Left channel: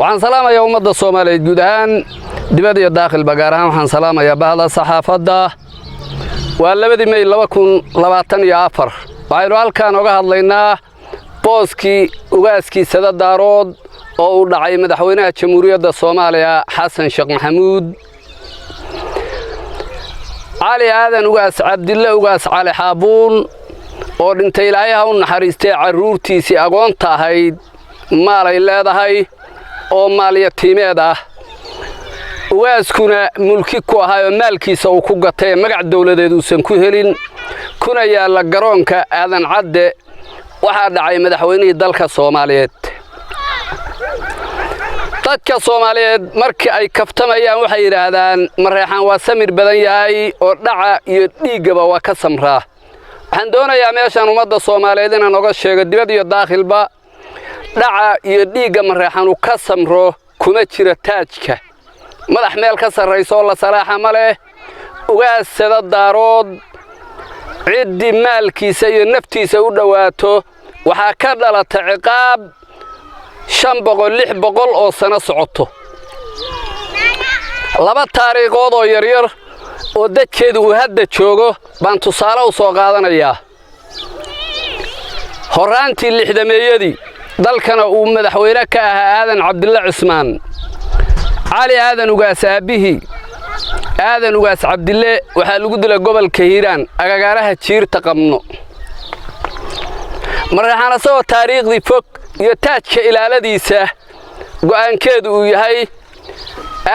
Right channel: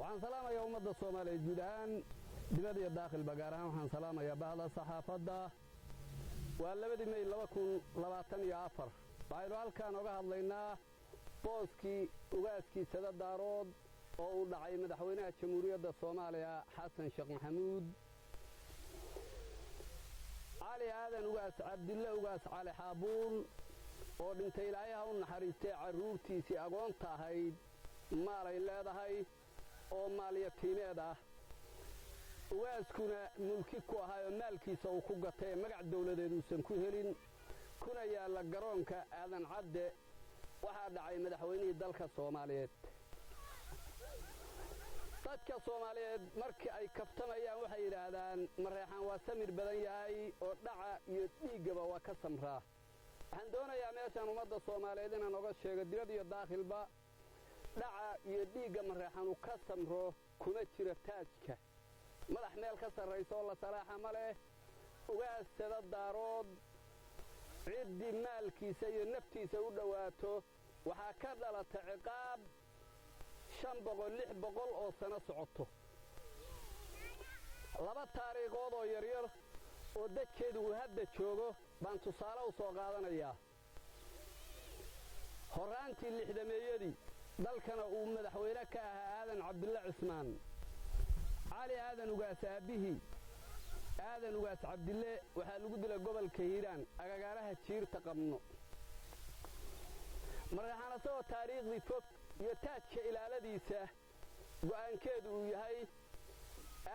waxaan salaamayaa ummadda Soomaaliyeed guud ahaan dibadda iyo daaqilba gaar ahaan waxaan salaamayaa bahda saxaafadda waa 2 May 2024 waxaynu halkaan uga hadlaynaa booskii ugaaskii Sada Daarood oo uu dhacay madaxweynaha Jamhuuriyadda Soomaaliya Xasan Sheekh Maxamuud علي هذا نقاس عبد الله وقاس علي حابون ورنتي لايها ونحرستي عرورتي سي أقوان تاهيد مالي الله دهي أو مالي يتيمي ده وقاس كنا ملكي كوهاي مالكي سو كوغتي مقع الدولة دو سنكو هلين كنا يالا قرونك آذان عد وحاد عاي مدحويني دالك الصوماليات dadka Soomaaliyeed markii ay kaftamayaan waxay yiraahdaan mareexan waa samir badan yahay oo dhaca iyo dhiigaba waa ka samraa waxaan doonayaa meeshan ummadda Soomaaliyeed inaan uga sheego dibadda iyo daaqilba dhaca iyo dhiigga mareexan uu ka samro kuma jira taajka madax meel ka sareyso la salaaxa ma leh ugaas Sada Daarood ciddi maalkiisa iyo naftiisa u dhawaato waxa ka dhalata ciqaab 500 600 oo sano socoto laba taariikhood oo yaryar oo dadkeedu uu hadda joogo baan tusaale u soo qaadanayaa horaantii 60meeyadii dalkana uu madaxweyne ka ahaa Aadan Cabdulla Cismaan cali aadan ugaas aabihi aadan ugaas Cabdille waxa lagu dilay gobolka Hiiraan agagaaraha jiirta qabno marxana soo taariikhdii fog iyo taajka ilaaladiisa go'aankeedu uu yahay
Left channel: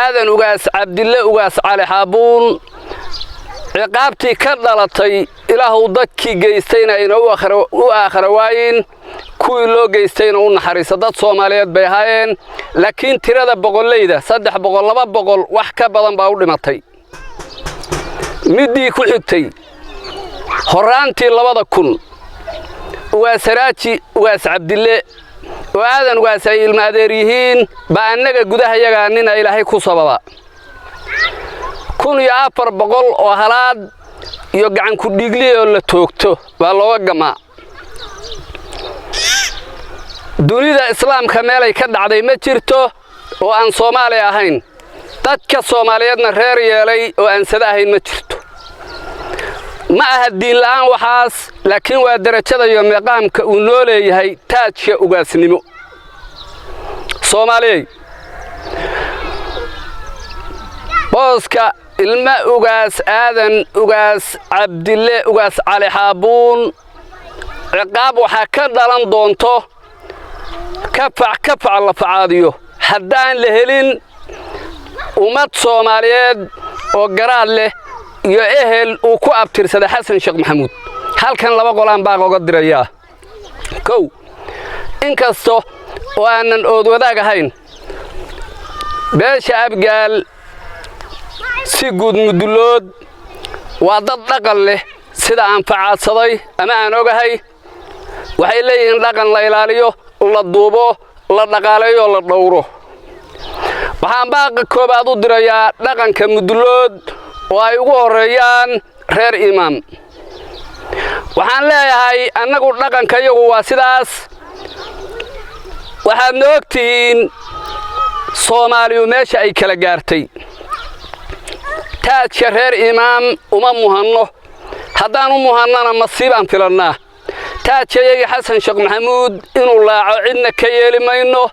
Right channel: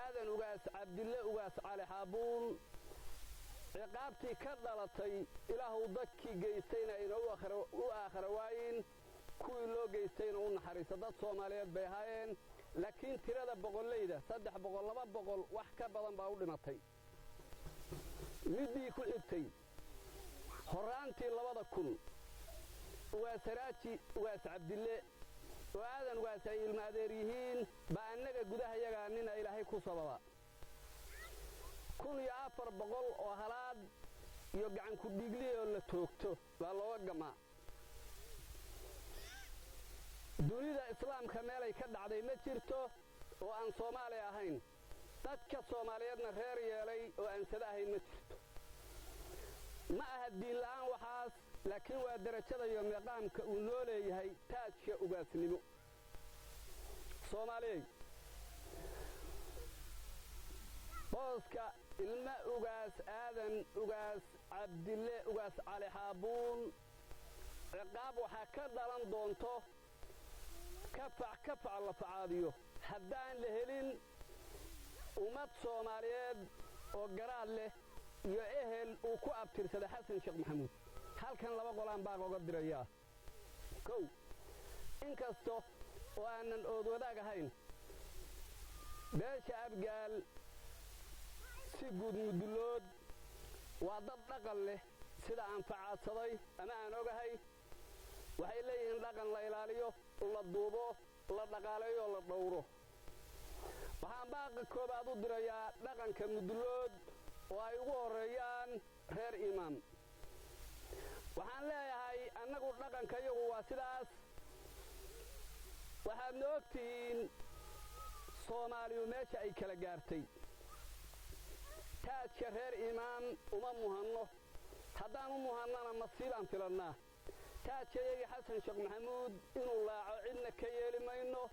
aadan ugaas Cabdille ugaas cali xaabuun ciqaabtii ka dhalatay ilaahu dadkii geystayna inuu aakhira waayin kuwii loo geystayna u naxariiso dad Soomaaliyeed bay ahaayeen laakiin tirada boqolleyda 300 200 wax ka badan baa u dhimatay midii ku xigtay horaantii 2000 ugaasaraaji ugaas Cabdille وآذن واسعي المادريين بأنك جودها يجانين إلى هيك صبابا كون يأفر بقول وهلاد يجعن كديجلي ولا توكتو والله جماعة دوني ذا إسلام كمال يكد عدي متجرته وأن صومالي أهين تك صومالياتنا غير يلي وأن سداهين متجرته ما الدين الآن وحاس لكن ودرجة يوم مقام كونولي هي تاج أوجاس نمو صومالي بوسكا الماء أوجاس آذن أوجاس عبد الله أوجاس علي حابون عقاب وحكر دلان دونتو كفع الله فعاديو حدان لهلين ومات صوماليات وقرار له iyo ehel uu ku abtirsada Xasan Sheekh Maxamuud halkan laba qolaan baa uga diraya kow inkasto oo aanan ood wadaag ahayn beesha abgaal si guud mudulood waa dad dhaqan leh sida aan facaadsaday ama aan ogahay waxay leeyihiin dhaqan la ilaaliyo la duubo la dhaqaaleeyo la dhowro waxaan baaqa koobaad u dirayaa dhaqanka mudulood وأي ورايان غير إمام وحن لا هاي أنا قلت لكن كيو واسداس وحن نوكتين صومالي وماشي أي كلا جارتي تاج غير إمام مهنه هذا مهننا مصيبا في لنا تاج يجي حسن شيخ محمود إنه الله عندنا كيالي ما إنه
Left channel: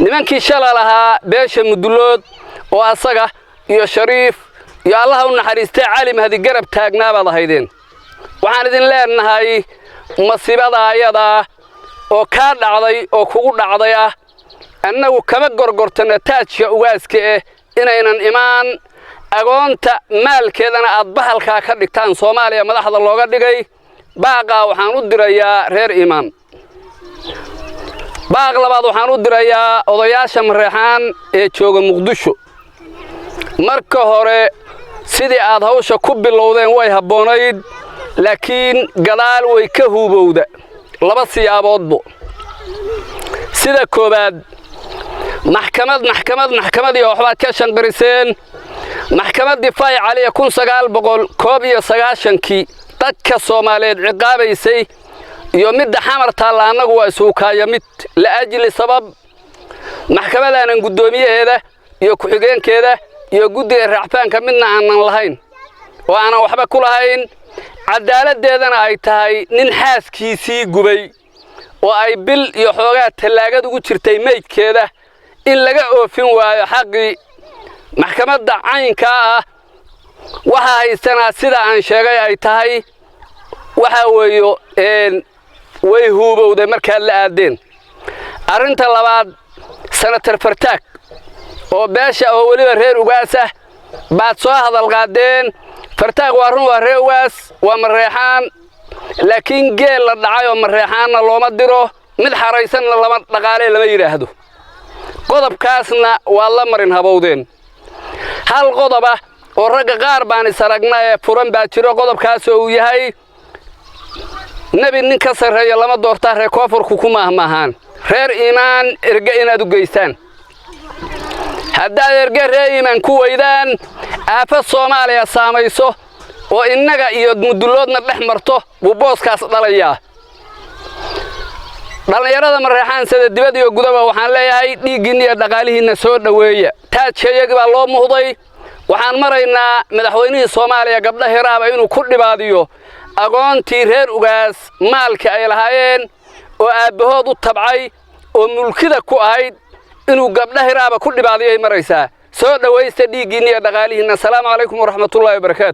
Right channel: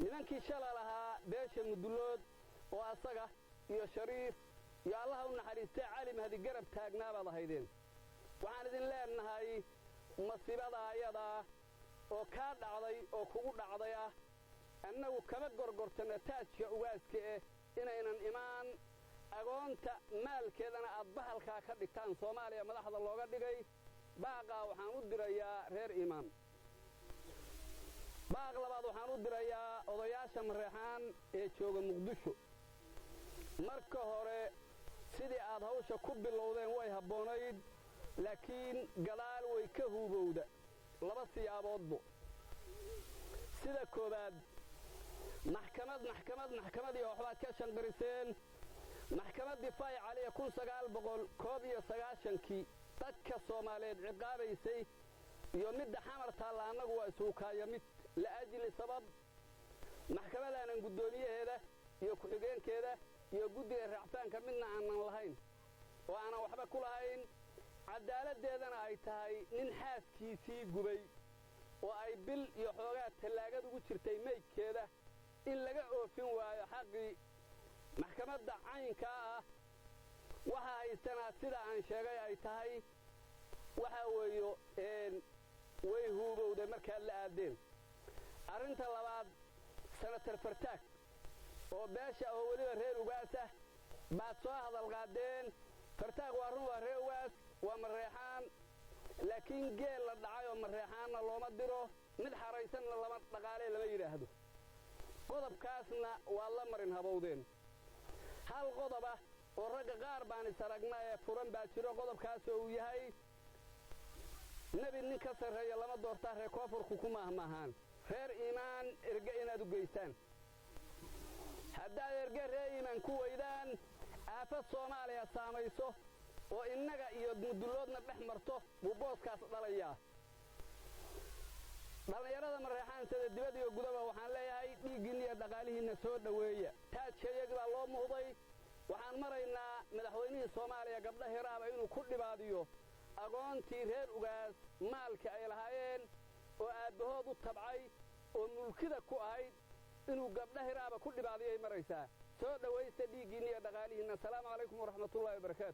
نمكن شلا لها بيش مدلود وأصقة يا شريف يا الله ونحرستي عالم هذه قرب تاجنا بعض هيدين وعندنا لنا هاي مصيبة ضايعة أو كارد عضي أو كود عضية أنه كم جرجرتنا تاج واسك إن إيمان أقونت مال كذا أنا أطبح الكاكر كان صوماليا ما لحظة الله قد جاي باقى وحنود ريا غير إيمان باقى لبعض وحنود ريا وضياش مريحان شوق مقدشو مركه هره sidii aad hawsha ku bilowdeen way haboonayd laakiin gadaal way ka hubowda laba siyaaboodbo sida koobaad maxkamad iyo waxba ka shanqariseen maxkamad difaac caliya 1999 dadka Soomaaliyeed ciqaabaysay iyo mid xamar taala anagu waa isugu kaaya mid la ajli sabab maxkamadaanan guddoomiyaheeda iyo ku-xigeenkeeda iyo guddiga raacfaanka midna aanan lahayn oo aanan waxba ku lahayn cadaaladdeedana ay tahay nin xaaskiisii gubay oo ay bil iyo xoogaa tallaagad ugu jirtay meydkeeda in laga oofin waayo xaqii maxkamadda caynkaa ah waxa haysanaa sida aan sheegay ay tahay waxa weeyo way huubowday markaad la aadeen arrinta labaad senator Fartaag oo beesha oo waliba reer ugaas ah baad soo hadal qaadeen Fartaag waa run waa reer ugaas waa mareexaan laakiin geel la dhacay oo mareexaanna looma diro mid xaraysanna lama dhaqaale lama yiraahdo qodobkaasna waa la marin habowdeen hal qodoba oo ragga qaar baan isaragnay ee furan baa jiro qodobkaas oo uu yahay nabi nin ka sareeyo lama doortaa reer koonfurku ku maahmaahan reer iimaan erga inaad u geystaan haddaad erga reer iimaan ku weydaan aafa Soomaaliya saamayso oo innaga iyo muduloodna dhex marto buu booskaas dhalayaa dhalinyarada mareexaan sida dibad iyo gudaba waxaan leeyahay dhiiggiina iyo dhaqaalihiina soo dhaweeya taajayag baa loo muhday waxaan maraynaa madaxweynihii Soomaaliya gabdha hiraaba inuu ku dhibaadiyo aqoontii reer ugaas maalka ay lahaayeen oo aabahood u tabcay oo mulkida ku ahayd inuu gabdha hiraaba ku dhibaadiyay maraysaa soo dhawaysta dhiiggiina iyo dhaqaalihiina. Assalaamu calaykum waraxmatullaahi wabarakaatuh.